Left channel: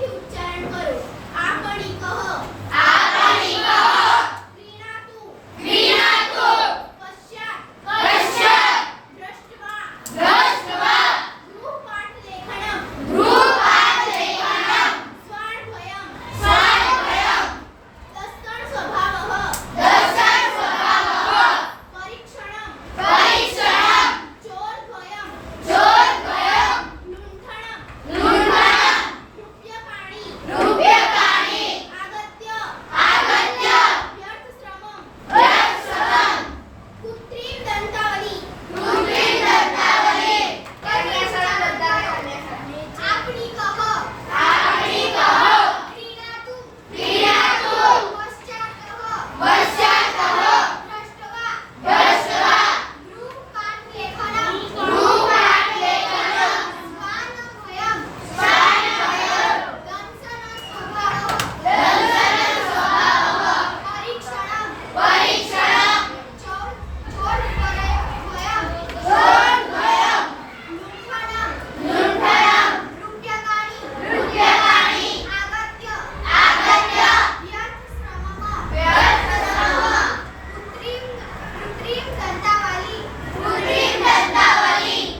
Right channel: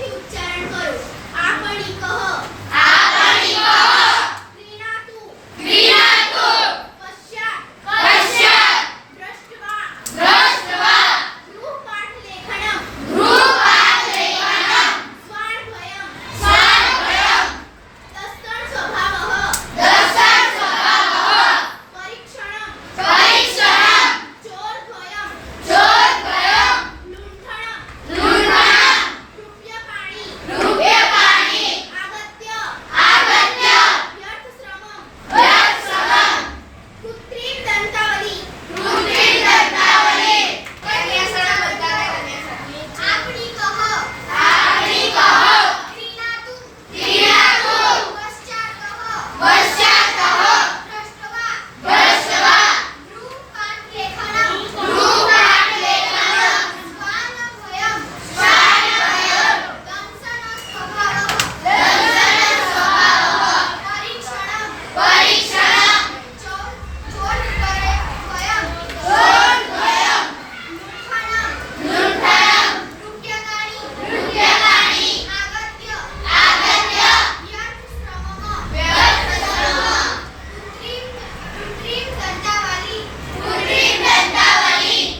没家人照顾